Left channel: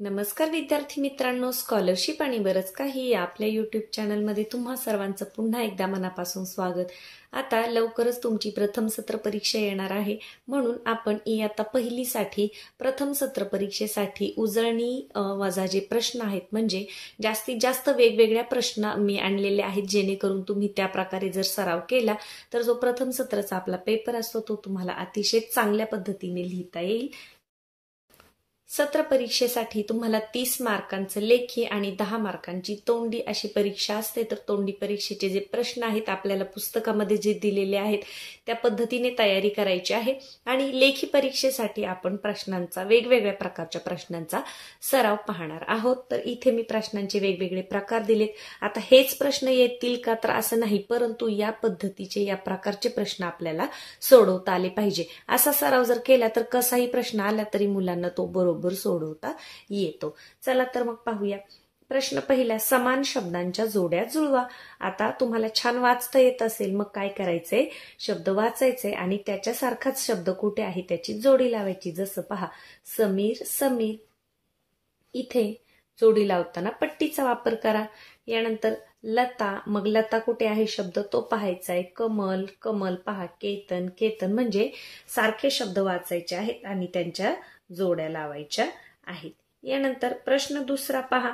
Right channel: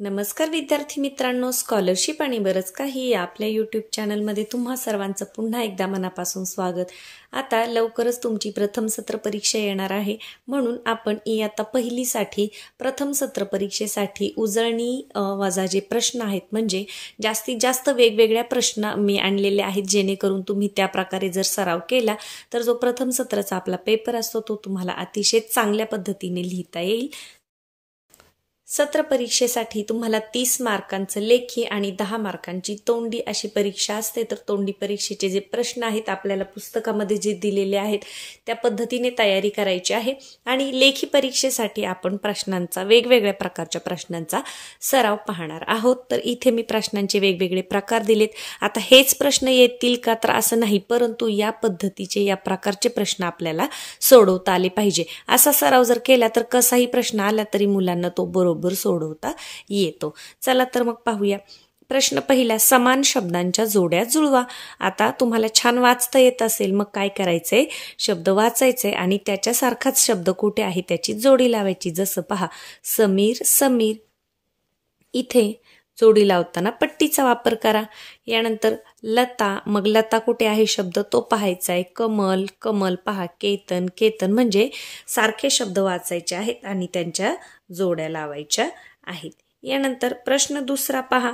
नमस्कार विद्यार्थी मित्रांनो, स्कॉलरशिप आणि बरंच काही या आपल्या यूट्यूब चॅनलमध्ये तुम्हा सर्वांचं पुन्हा एकदा मनापासून स्वागत। आता लवकरच तुमची प्रथम सत्र परीक्षा येणार आहे, म्हणून आपण इयत्ता पहिलीसाठी प्रथम सत्र परीक्षेसाठी उजळणी वजा जे प्रश्न आहेत म्हणजे जास्तीत जास्त वेगवेगळ्या प्रश्न मी आणलेले आहेत, जेणेकरून तुम्ही त्या प्रकारे जर सराव केला तर जो प्रथम सत्राचा आपला पेपर असतो तो तुम्हाला अतिशय चांगल्या पद्धतीने लिहिता येईल। सत्र परीक्षेसाठी तुम्हाला 30 मार्कांचं लेखी आणि 10 मार्कांची तोंडी अशी परीक्षा असते। तर तोंडी परीक्षेचे जे प्रश्न आहेत आपल्याला पुस्तकामध्ये जे दिलेले आहेत त्या पद्धतीने तयारी करायची आहे आणि लेखी परीक्षेसाठी आपण प्रश्नांचा वेगवेगळ्या प्रकारच्या प्रश्नांचा सराव पाहणार आहोत। तर इथे मी प्रश्नांचे वेगवेगळे प्रकार दिलेत। आता हेच प्रश्न येतील का तर असं नाही, परंतु या पद्धतीचे या प्रकारचे प्रश्न आपल्याला सोडवता आले पाहिजे। असा सराव जर केला तर कसाही प्रश्न आला तरी मुलांना तो बरोबर सोडवता येतो। चला तर मग पाहूया। प्रश्न पहिला, समान शब्दांच्या जोड्या जुळवा। आता तुम्हाला छान वाचता येत असेल मग काय करायचंय, शब्द वाचायचे आणि त्याच्यासारखाच शब्द कुठे आहे त्याची जोडी लावायची। जसं पहा, समीर समीर, इथे जोडी लावताना पट्टीचा वापर करा। यानंतर लता, मग लता कुठे आहे शब्द तो पाहायचा आहे। कमल कमल, पहा केतन केतन, म्हणजे सारखे शब्द वाचायचे आहेत आणि त्यांच्या जोड्या लावायच्या आहेत। यानंतर प्रश्न दुसरा पहा,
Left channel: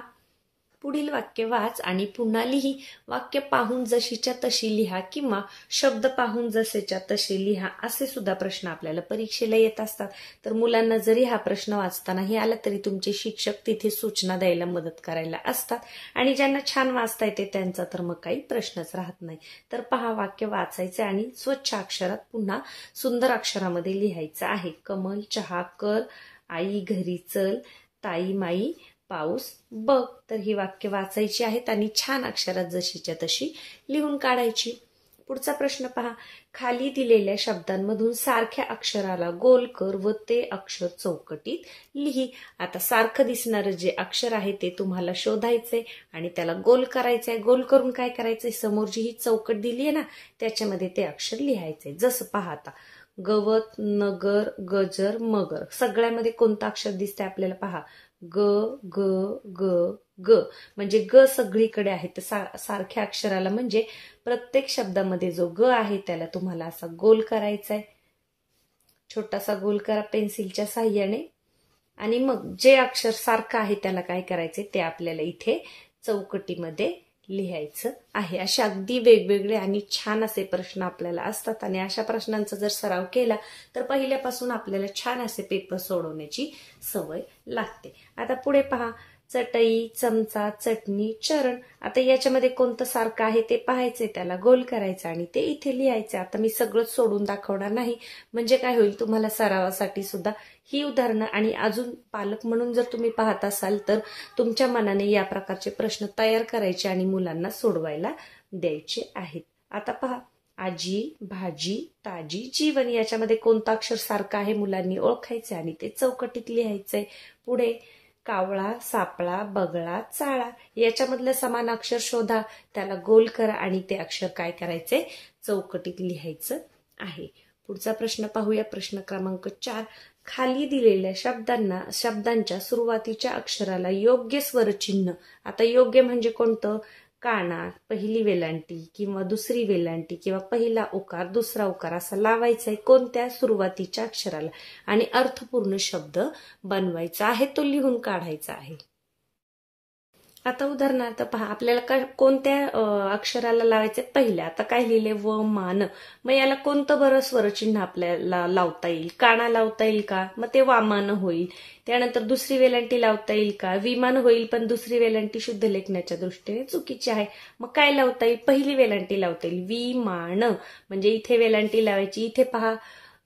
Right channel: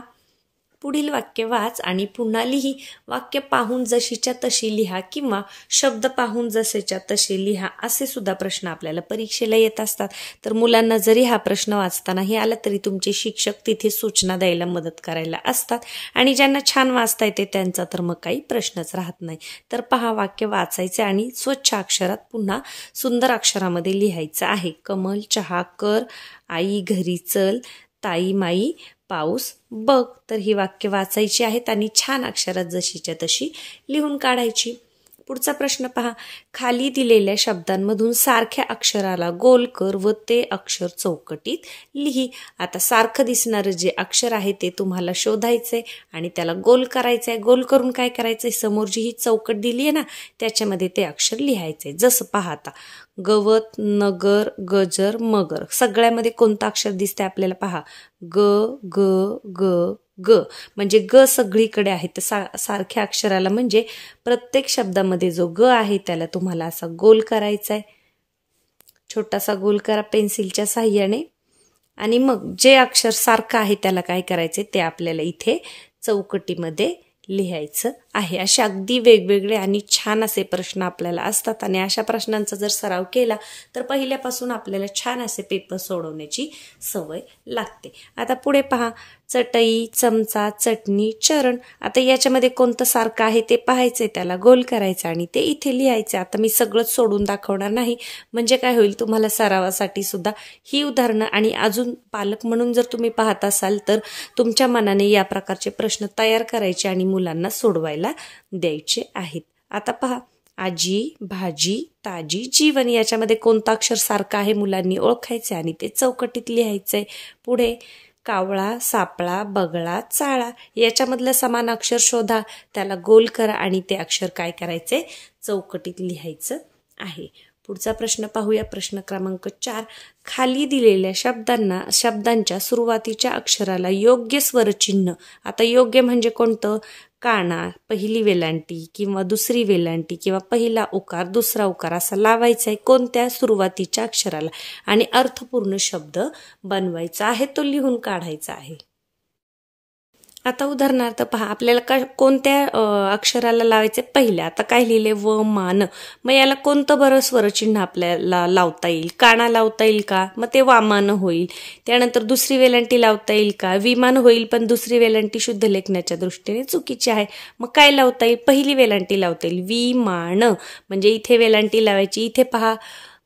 पुढील वाक्य वाच आणि पुन्हा लिही। वाक्य पाहून जशीच्या तशी लिहा किंवा शब्द पाहून जसेच्या तसे लिहा, असे सुद्धा प्रश्न आपल्याला परीक्षेला येत असतात। तर मुलांना जरी हा प्रश्न वाचतानाही आला तरी तुमचे शिक्षक तिथे सूचना द्यायला मदत करायला असतात आणि ज्यांना छान वाचता येते त्यांचा तर मग काही प्रश्नच राहत नाही। तर पहा, वाक्य वाचायचे आणि स्वच्छ अक्षरात पुन्हा सुंदर अक्षरामध्ये लिहायचं आहे। कमल चहा कर, आई घरी चल, ताई माई पाऊस बघ। तर ही वाक्य वाचायची आहेत आणि छान अक्षरात जशीच्या तशी लिहून काढायची। पुढचा प्रश्न पहा, खाली दिलेल्या शब्दांमधून सारख्या अक्षराला गोल कर व ते अक्षर चौकटीत लिही। आता सारखं दिसणारं जे अक्षर आहे ते तुम्हाला शोधायचंय आणि त्याला गोल करायचंय। गोल करून काय करायचंय, समोर जी ही चौकट दिली आहे ना त्याच्यामध्ये ते अक्षर लिहायचंय। जसं पहा, आता गवत नगर गजर मगर, सगळ्यामध्ये कोणतं अक्षर दिसतंय आपल्याला, पहा ग ग ग ग, म्हणजे ग सगळीकडे आहे। तर सारख्या अक्षराला म्हणजे प्रत्येक शब्दामध्ये जो ग आहे त्याला तुम्हाला असा गोल करायचा आहे। छोटासा गोल करा पेन्सिलच्या साहाय्याने आणि मग जे अक्षर सारखं आहे त्याला काय करायचे ते आपल्याला इथे चौकटीमध्ये लिहायचं आहे। असे अगदी वेगवेगळे आणि छान असे प्रश्न आपल्याला असतात आणि अशा प्रश्नांचा जर सराव केला तर पहिल्यापासून आपल्याला छान असे पेपर सोडवण्याची सवय लागते। आता पुढे पहा, चटई चमचा चटणी चरण। आता याच्यामध्ये कोणतं सारखं आहे ते पाहायचंय, त्याला गोल करायचं आणि ते इथे लिहायचं। आता मी सगळंच सोडून दाखवणार नाही, म्हणजे काय होईल तुम्हाला सरावासाठी सुद्धा ही उदाहरणं आणि अजून पालक म्हणून जर तुम्ही पाहत असाल तर तुमच्या मनाने या प्रकारचे प्रश्न तयार करायचे आणि मुलांना सोडवायला द्यायचे आहेत। आता पहा, आजी भाजी ताजी जीवन, याच्यामध्ये कोणतं अक्षर सारखं आहे मुलांनी ओळखायचे आणि ते चौकटीत लिहायचंय। पुढे कावळा सापळा बगळा चाळा, याच्यामधलं समान अक्षर शोधा, त्याला गोल करा आणि ते अक्षर काय करायचे चौकटीत लिहायचं आहे। पुढचा प्रश्न पाहूया, प्रश्न क्रमांक 4, खाली दिलेल्या शब्दांच्या सुरुवातीच्या अक्षराला योग्य स्वरचिन्ह। आता योग्य म्हणजे कोणतं, काना, पहिली वेलांटी किंवा दुसरी वेलांटी किंवा पहिला उकार दुसरा उकार असा लावायचा आहे कोणत्या सुरुवातीच्या अक्षराला आणि अर्थपूर्ण शब्द बनवायचा आहे, तो लिहून काढायचा आहे। आता उदाहरणार्थ पहा, आपल्याला कोणत्या अक्षराला लावायचे, पहिल्या आता काय लिहिले व मान, मग याला कोणतं बरं स्वरचिन्ह आपल्याला लावता येईल, काना लावता येईल का, मग ते वामान होईल। त्यानंतर दुसरी वेलांटी लावता येईल का, विमान होईल, पण दुसरी वेलांटी शुद्ध लेखनाच्या दृष्टीने चुकीची आहे। मग काय लावता येईल, पहिली वेलांटी लावता येईल विमान, म्हणजे इथे वेलांटी लावायची। इथे पहा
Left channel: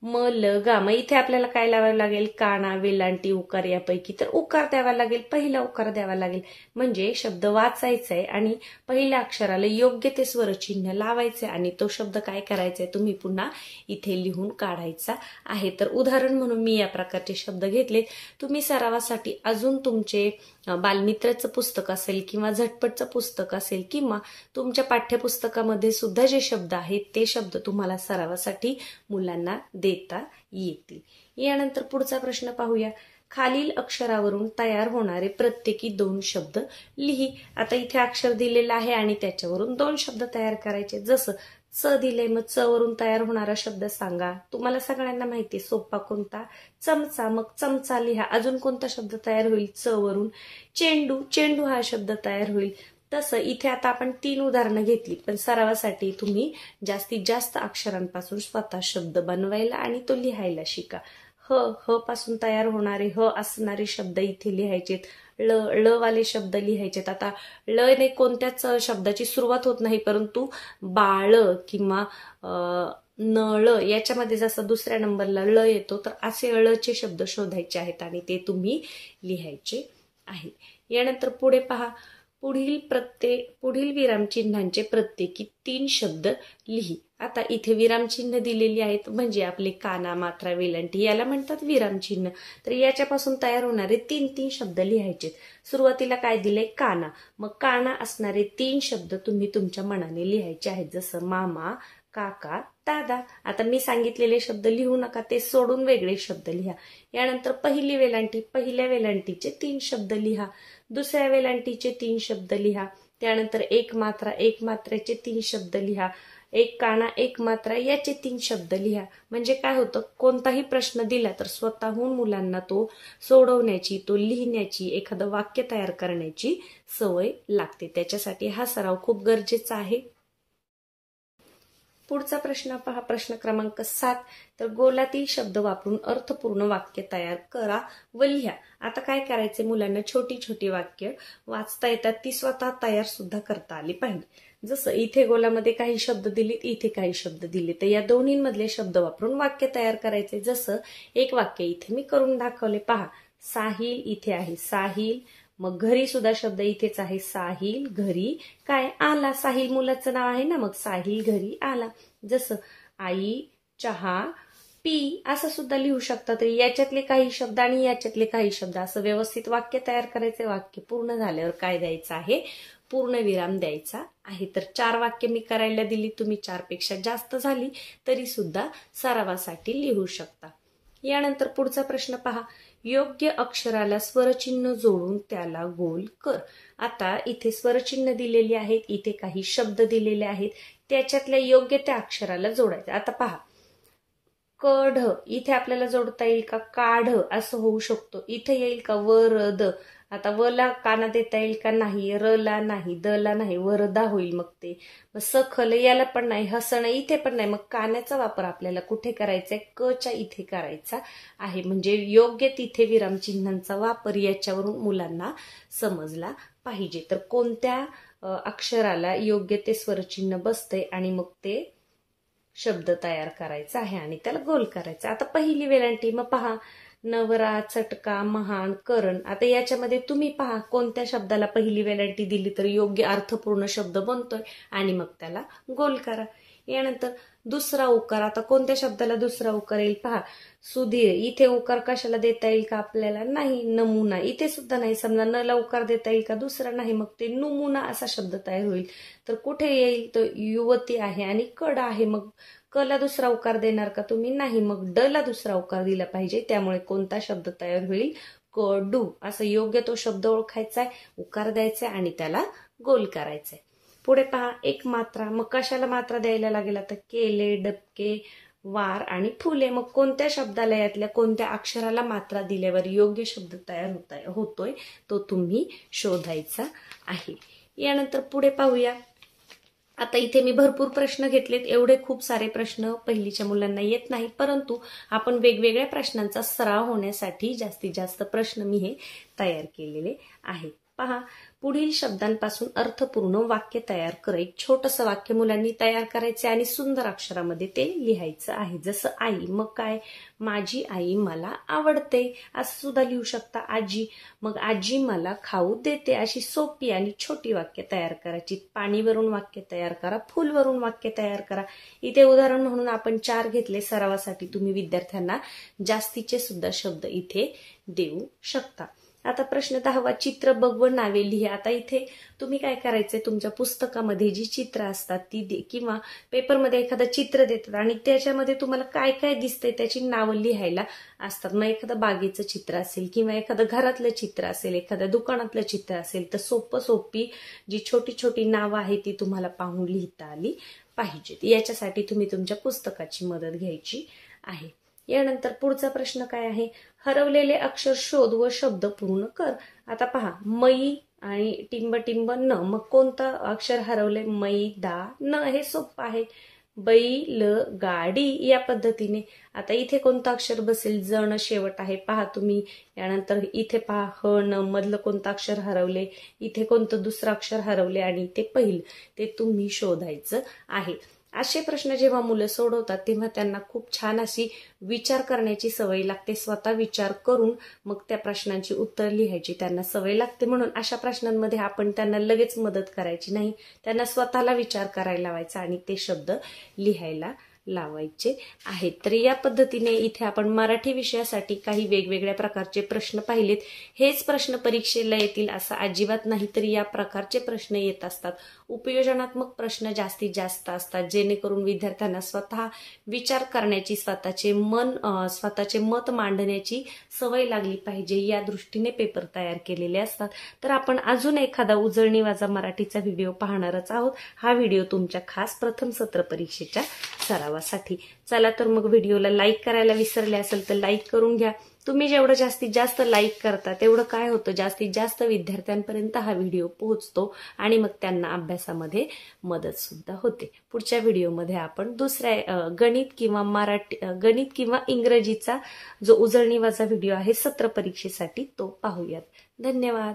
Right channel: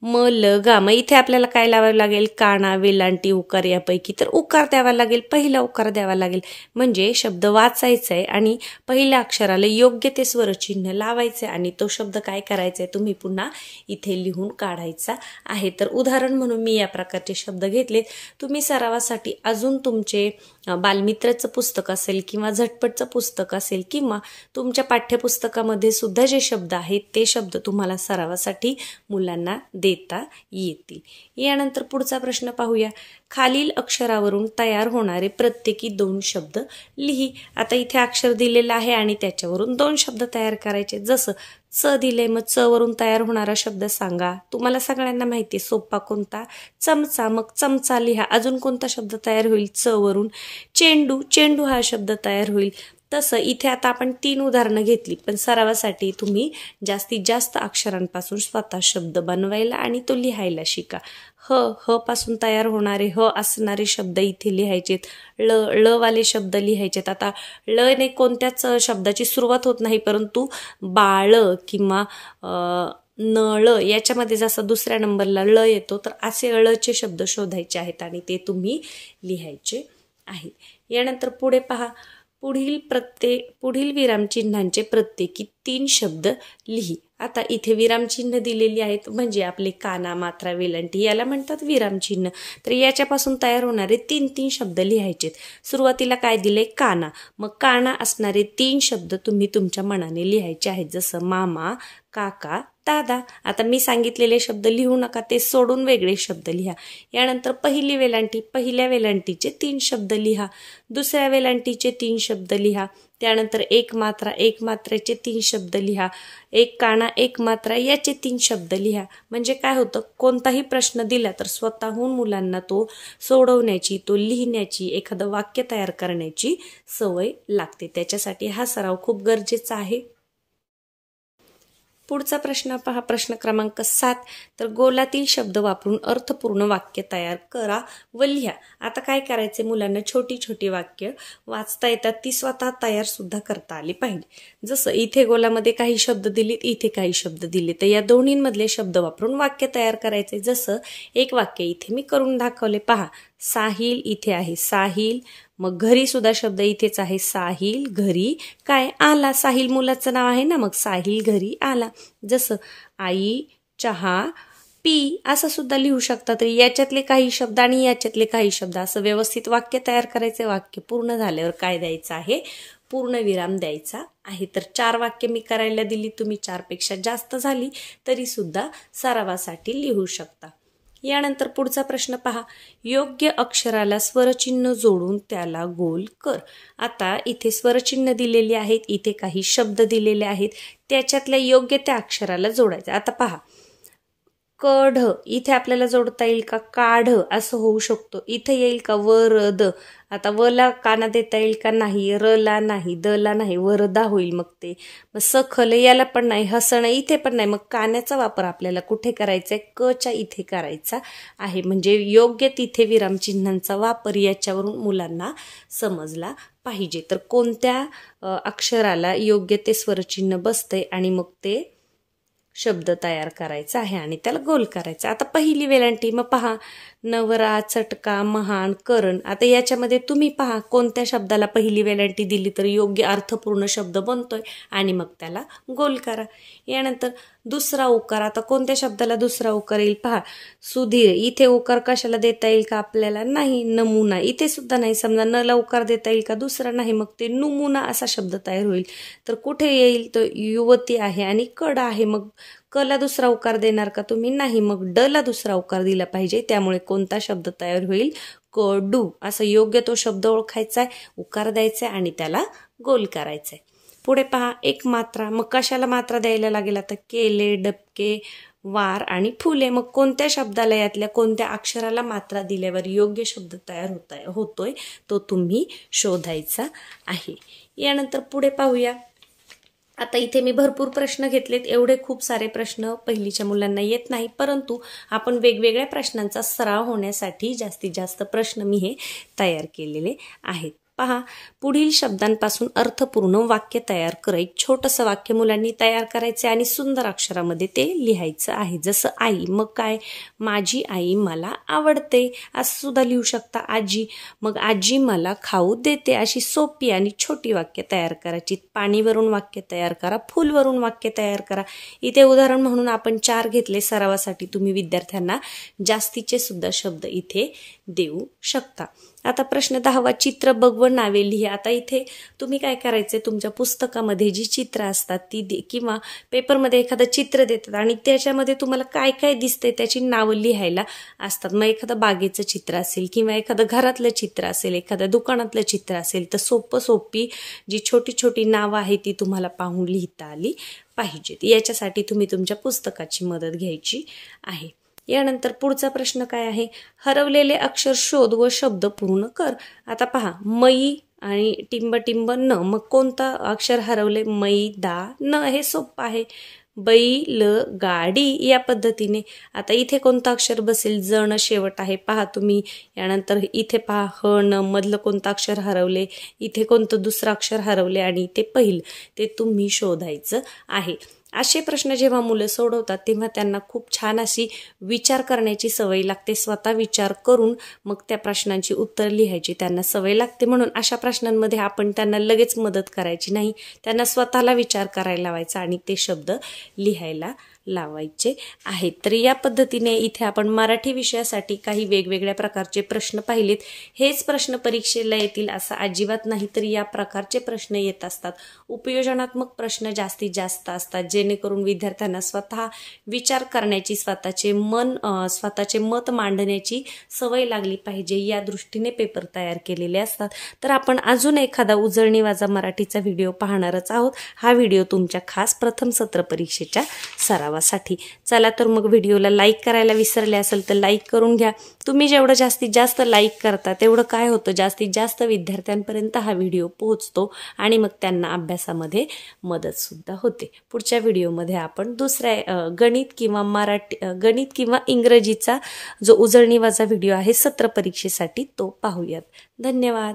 म ल गा, मग इथे आपल्याला काय लावावं लागेल, काना वेलांटी उकार यापैकी तर उकार द्यावा लागेल, पहिला उकार द्यावा लागेल। म्हणजे शब्द वाचायचा आहे आणि पहिल्या अक्षराला योग्य ते स्वरचिन्ह लावायचे आणि तो शब्द काय करायचा तुम्ही पुन्हा इथे लिहून काढायचा आहे। तर उदाहरण म्हणून मी या प्रकारचे शब्द घेतलेत। तुम्ही सरावासाठी अजून तुमचे बालमित्रचं पुस्तक असेल किंवा झटपटचं पुस्तक असेल किंवा तुमच्या पाठ्यपुस्तकामध्ये सुद्धा जे शब्द आहेत ते शब्द तुम्हाला सरावासाठी मुलांना देता येतील. यानंतर पुढचा प्रश्न पाहूया. खालील अक्षरावरून तयार होणारे प्रत्येकी 2 शब्द लिही. आता इथे अक्षर दिलेलं आहे आणि त्याच्यावरून 2 शब्द तयार करायचे. जसं च दिले, मग च वरून तयार होणारा शब्द सांगा. तुम्हाला सगळ्यांना माहिती आहे सोपा कोणता, चमचा, मग चमचा लिहा. अजून कोणता शब्द तयार होईल च वरून? चेंडू, चेंडू हा शब्द तयार होईल. तसं इथे आता आपण 3 उदाहरणं घेतली, पण सरावासाठी तुम्ही जास्तीत जास्त अक्षरांपासून स्वतः शब्द बनवायला आणि तो लिहायला शिका. ह पासून तयार होणारे ह असणारे शब्द इथे लिहायचेत. ल वाले शब्द लिहायचेत. आता ल ने कोणत्याच शब्दाची सुरुवात होत नाही, परंतु बाळ किंवा नळ याच्यामध्ये जसं दुसऱ्या नंबरला ल येतो, तर असे ळचे शब्द शोधायचे आहेत आणि ते तुम्ही लिहायचे आहेत. यानंतर पुढे पहा. पुढील विरामचिन्हांचे प्रत्येकी 3 शब्द लिही. आता इथे विरामचिन्ह दिलेली आहेत म्हणजे आपले काना, मात्रा, वेलांटी याला म्हणतात विरामचिन्ह. तर याच्यापासून तयार होणारे 3 शब्द लिहायचेत. सुरुवातीला काय दिले? काना. मग काना असणारे 3 शब्द तुम्ही तुमच्या मनाने लिहायचे आहेत. जसं मामा, काका, दादा. आता मी सांगितलेले शब्द लिहू नका, ते सोडून वेगळे शब्द लिहा. यानंतर पहिली वेलांटी, पहिल्या वेलांटीचे 3 शब्द लिहा. दुसऱ्या वेलांटीचे 3 शब्द लिहा. त्यानंतर एक मात्रा, एक मात्रेचे 3 शब्द लिहा. एक काना, एक मात्रा याचे 3 शब्द लिहा. म्हणजे काय होतं, कोणताही प्रश्न दिला तर स्वतःहून मुलांना तो सोडवण्याची, तो लिहिण्याची, एखादं वाक्य तयार करण्याची सवय लागते. त्याच्यासाठी हा सराव खूप गरजेचा आहे. पुढचा प्रश्न पहा. प्रश्न क्रमांक 7. तर गोलातील शब्द वापरून अर्थपूर्ण वाक्य तयार करा व लिहा. आता काय करायचे, मुलांना छोटी छोटी वाक्य वाचता येतात, ती स्वतः तयार सुद्धा करता आली पाहिजे. जसं इथे गोलामध्ये काही शब्द दिलेत, इथे काही शब्द दिले, तर या दोन्हींमधले शब्द वापरून वाक्य तयार करायचे. जसं एक वाक्य इथे मी करून दाखवले पहा. साहिल इथे आहे, साहिल. मग घरी सुद्धा शब्द इथेच आहे, साहिल घरी काय आला. साहिल मुलाचं नाव आहे ना, मग साहिल घरी आला. जसं आई, चहा, पी असं सुद्धा लिहू शकता. तर याच्यातले काही शब्द आणि याच्यातले काही शब्द असं व्यवस्थित वाक्य तयार करायचे. वाक्य पूर्ण झाल्यावर काय द्यायचं आहे, पूर्णविराम द्यायचा आहे. तर 4 वाक्य मी करायला दिली, तुम्ही 4 पेक्षा जास्त झाली तरी सुद्धा सरावासाठी लिहू शकता. यानंतर पुढचा प्रश्न पहा. योग्य अक्षराला स्वरचिन्ह जोडून त्याला गोल कर. आता इथे स्वरचिन्ह दिलेली आहेत, इथे काही शब्द दिलेले आहेत, त्याच्यातल्या योग्य त्या अक्षराला जोडायचं. आता पहा, कढ इथे आपल्याला जोडता येईल का? काढ असं होऊ शकतो. इथे येईल का? वरद. आता वला काना देता येईल का? नाही. रला नाही, दला नाही, वरदा होईल मग ते. मग सखल याला पण नाही, हसणं इथे पण नाही. मग कान्याचा वापर आपल्याला कुठे करायचा आहे? कच्या इथे करायचा आहे. म्हणजे योग्य तिथे विरामचिन्हांचा वापर याच्यावरून मुलांना समजला पाहिजे. तर कोणत्या अक्षराला योग्य ते स्वरचिन्ह बसतंय आणि मग ते शब्द तयार करायचा आहे आणि त्याला गोल करायचा. आता पहिली वेलांटी मग पहा, नवरा, चटका, महान, करण. आता याच्यामध्ये तुम्ही पहा कोणत्या शब्दाला पहिली वेलांटी दिली तर योग्य अर्थपूर्ण शब्द बनतोय आणि मग त्याला गोल करा. यानंतर दुसरा उकार. आता कोणत्या शब्दाला दुसरा उकार येईल पहा. सुधीर इथे उकार कशाला देता येईल का आपल्याला? नाही. नमुना इथे सुद्धा नाही. समजा न ला उकार देता येईल का? दुसरा नाही. मग ते नुमुना असा शब्द तयार होईल. तर कुठे येईल? तो युवती आहे आणि कड आहे. मग क ला दुसरा उकार देणार का तुम्ही? नाही. मग ड ला दुसरा उकार दिला पाहिजे. त्यामुळे कोणता शब्द तयार होईल? कडू. असं योग्य तो शब्द ओळखायचा आहे, उकार द्यायचा आणि त्याला गोल करायचंय. पुढे पहा, एक मात्रा. मग कशाला मात्रा द्यायला लागेल? आता केले, डबके, वार आणि फुले. मग कोणत्या शब्दाला यातल्या कोणत्या अक्षराला मात्रा दिल्यावर योग्य शब्द तयार होतोय तो तुम्ही शोधायचा आहे. यानंतर पुढे पाहूया. आता इथे मी भरपूर प्रश्न घेतलेत. एवढे खूप सारे प्रश्न पहिलीच्या मुलांना येत नाही, परंतु आपण वेगवेगळ्या प्रश्नांचा सराव होण्यासाठी जास्तीत जास्त प्रश्न मी हे तयार केलेले आहेत. पहा, पुढील शब्दांपासून अर्थपूर्ण वाक्य तयार कर. एक छोटंसं वाक्य मुलांनी तयार करायचे आणि सुंदर अक्षरामध्ये ते लिहायचं आहे. जसं आई. मग काय? माझी आई मला आवडते असं सुद्धा लिहू शकता. आजी. मग आजी मला खाऊ देते. अशी सोपी आणि छोटी वाक्य तयार करायची. पाणीवरून वाक्य तयार करा, फुलवरून वाक्य तयार करा. इथे उदाहरण म्हणून आपण 4 घेतले. सरावासाठी तुम्ही विद्यार्थ्यांना जास्तीचे सुद्धा शब्द इथे देऊ शकता। आता प्रश्न 10वा, चित्र बघ व नावे लिहा। आता इथे तुम्ही काय करायचे, तुमच्या पुस्तकामध्ये जी चित्र असतात ती किंवा पेपरमध्ये एखादं चित्र देतात आणि त्याच्यामध्ये तुम्हाला काय काय दिसतंय त्याची नावं लिहायला असतात। मग एखादं बागेचं चित्र असेल किंवा एखादं घरातलं चित्र असेल, एखाद्या दुकानातलं चित्र असेल, तर सोपी जी छोटी छोटी नावं आहेत ती तुम्हाला पाहून लिहिता आली पाहिजेत। याच्यासाठी तुम्ही तुमच्या पुस्तकाची मदत घ्यायची आहे। यानंतर पुढचा प्रश्न काय आहे, हरवलेले अक्षर शोध व शब्द पूर्ण कर। आता पहा, मई आणि टिंब टिंब न, मग कोणतं अक्षर हरवले, मै दा न, हे सोपं आहे। बैल गाडी या पद्धतीने। आता इथे कोणतं अक्षर बसेल, जण शेवट आहे, पहा तुम्ही। यानंतर इथे पहा ह न मधलं कोणतं अक्षर हरवले, इथे कोणतं दुसरं अक्षर हरवले आणि इथे पहिलं, ते तुम्ही शोधायचं आहे। असे प्रश्न जेव्हा मुलं सोडवतात तेव्हा त्यांना खूप छान अशी विचार करण्याची सवय लागते। स्वतः विचार करून मग त्या प्रश्नांची उत्तर लिहायची त्यांना सवय लागते। म्हणून अशा प्रश्नांमध्ये आपण त्यांना लगेच मदत करायची नाही, त्यांना स्वतःला विचार करायला लावायचा आणि ते शब्द लिहायला लावायचे आहेत। तर या पद्धतीने इथे आपण मराठी विषयासाठी काही वेगवेगळ्या प्रकारचे प्रश्न पाहिलेत। हेच प्रश्न परीक्षेला येतील असं अजिबात नाही, तर या प्रकारचे प्रश्न येत असतात। उपयोजनात्मक प्रश्न जास्तीत जास्त असतात, जेणेकरून विद्यार्थ्यांना स्वतः विचार करण्याची, स्वतःचे मत मांडण्याची सवय लागली पाहिजे, या दृष्टीने पेपर तयार केलेले असतात। तर आपण अजून एखादा उजळणी वाजा मराठीचा व्हिडिओ पाहणारच आहोत। हा व्हिडिओ तुमच्या खास प्रथम सत्र परीक्षेच्या सरावासाठी। चला तर मग व्हिडिओला लाईक करायला विसरले असेल तर लाईक करून घ्या। तुम्ही जेवढं जास्तीत जास्त लाईक करता तेवढं काय होतं, जास्तीत जास्त विद्यार्थ्यांपर्यंत हा व्हिडिओ पोहोचतो आणि मग त्यांना अभ्यासामध्ये मदत सुद्धा होते। पुढच्या व्हिडिओमध्ये आपण दुसऱ्या गणित किंवा इंग्रजीचा जो उजळणी वाजा व्हिडिओ आहे सत्र परीक्षेसाठी तो पाहूयात। धन्यवाद।